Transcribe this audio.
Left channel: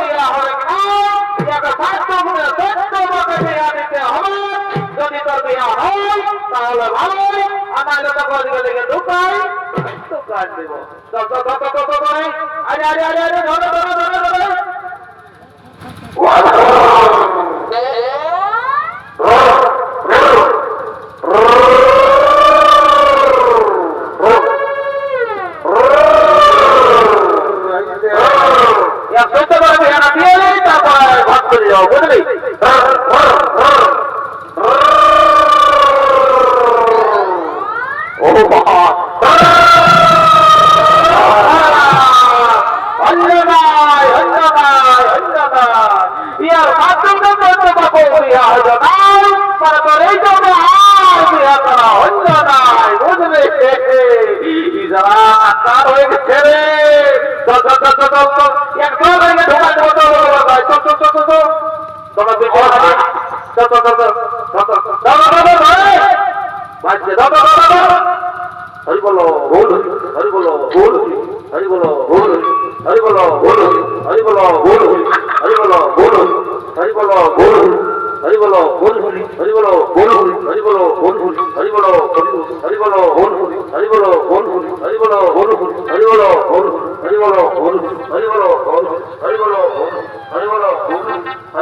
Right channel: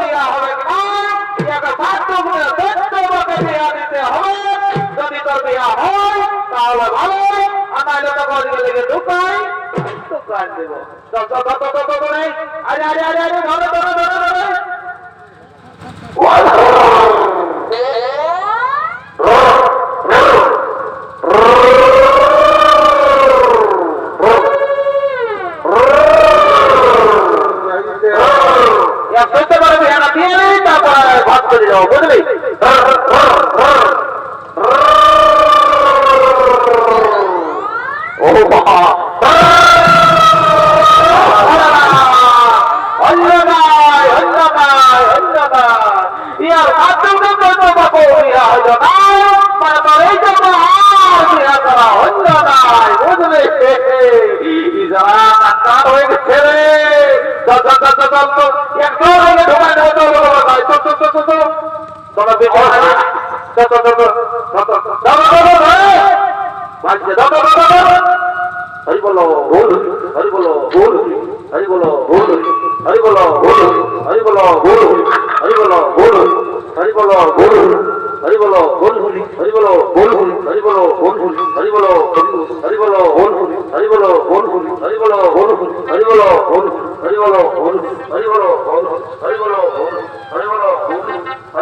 বিয়া হবে না একটা ছাত্র বলে তোমাকে বিয়া দিতে হবে যদি তোর বিয়া হয় তাহলে ভালো আর নাহলে তো গদিকে লেগে ঢুকাই ঢুকাই দেব আরে আরে আরে আরে ধরো ধরো ধরো ধরো বলতে পারবি না দিয়ে তারপরে ভাগ করে যাও বুঝলি ও বাবা অন্যনায় অন্যনায় অন্যনায় ইয়ার মাধ্যমে করতে পাবো ইয়া হলো না তারপরে যাবো ইয়া করা অন্যনায় বুঝলি ইজারা আকার হয়ে গেছে রে একদম হয়ে ঢোকা দেবো তোমার বিপদ হরি বলো বল হরি বলো বল হরি বলো বল হরি বলো বল হরি বলো বল হরি বলো বল হরি বলো বল হরি বলো বল হরি বলো বল হরি বলো বল হরি বলো হরি বলো বল হরি বলো বল হরি বলো বল হরি বলো বল হরি বলো বল হরি বলো বল হরি বলো বল হরি বলো বল